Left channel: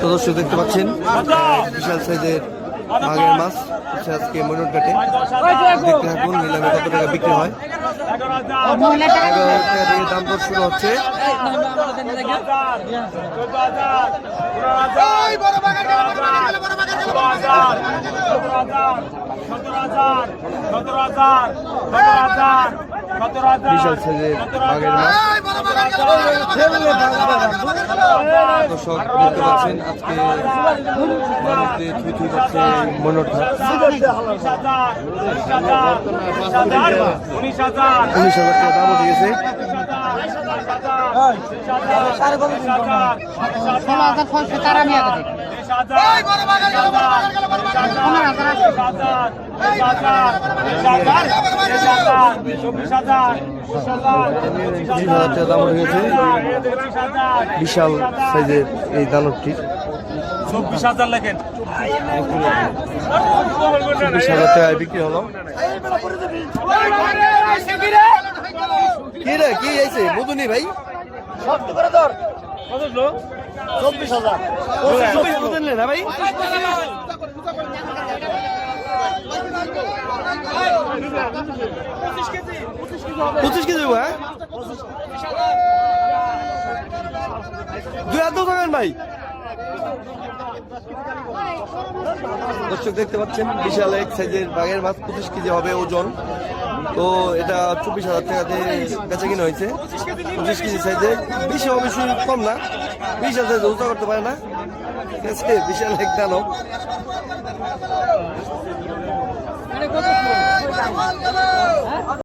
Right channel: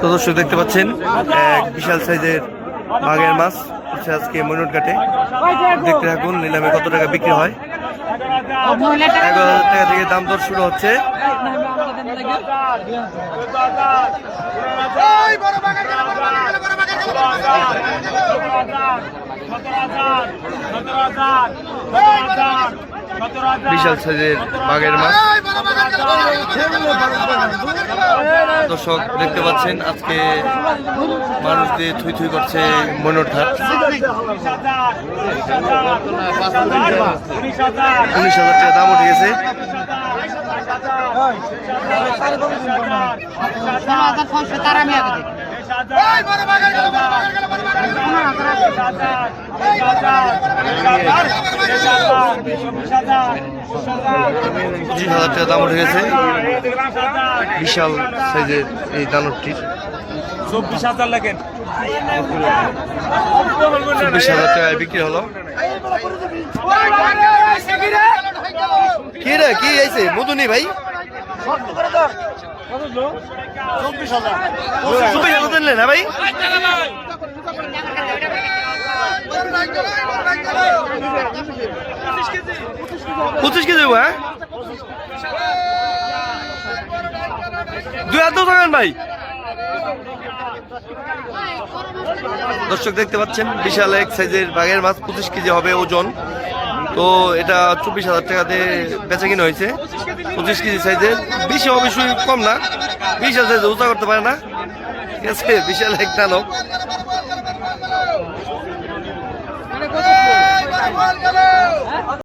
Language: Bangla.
তো দর্শক দেখতে পাচ্ছেন এক বিশাল সাইজের বাঘের মাছ হচ্ছে আজকে ময়নট ঘাটে। দেখতে থাকুন নিলামে কত টাকা বিক্রি হয়। 11,000 টাকা থেকে দাম দর শুরু হচ্ছে। বিশাল সাইজের বাঘের মাছ দর্শক দেখতে পাচ্ছেন আজকে মানুষ দিয়ে থুই থুই করছে ময়নট ঘাট। 19,000 টাকা দাম উঠে গেছে। টাকা দাম উঠে গেছে বিশাল সাইজের এই দানবটি। 24,000 লেখেন। 24,000 টাকায় বিক্রি হলো। কি রে কি হয়েছে মধুনি ভাই? 24,000 দিলেন না ভাই? 25 কেজি হ্যাঁ 2,000 টাকা ভাই। দর্শক দেখতে পাচ্ছেন বিশাল এক সাইজের বাঘের মাছ 25 কেজি হবে ওজন। তো এটা 24,000 টাকাতে বেচা কিনা হয়েছে। 25 কেজি সাইজের, বেশি অবশ্যই কম না, বিশাল সাইজে উঁচা করতে পারে না, ঠিক আছে। বিশাল এক দানব।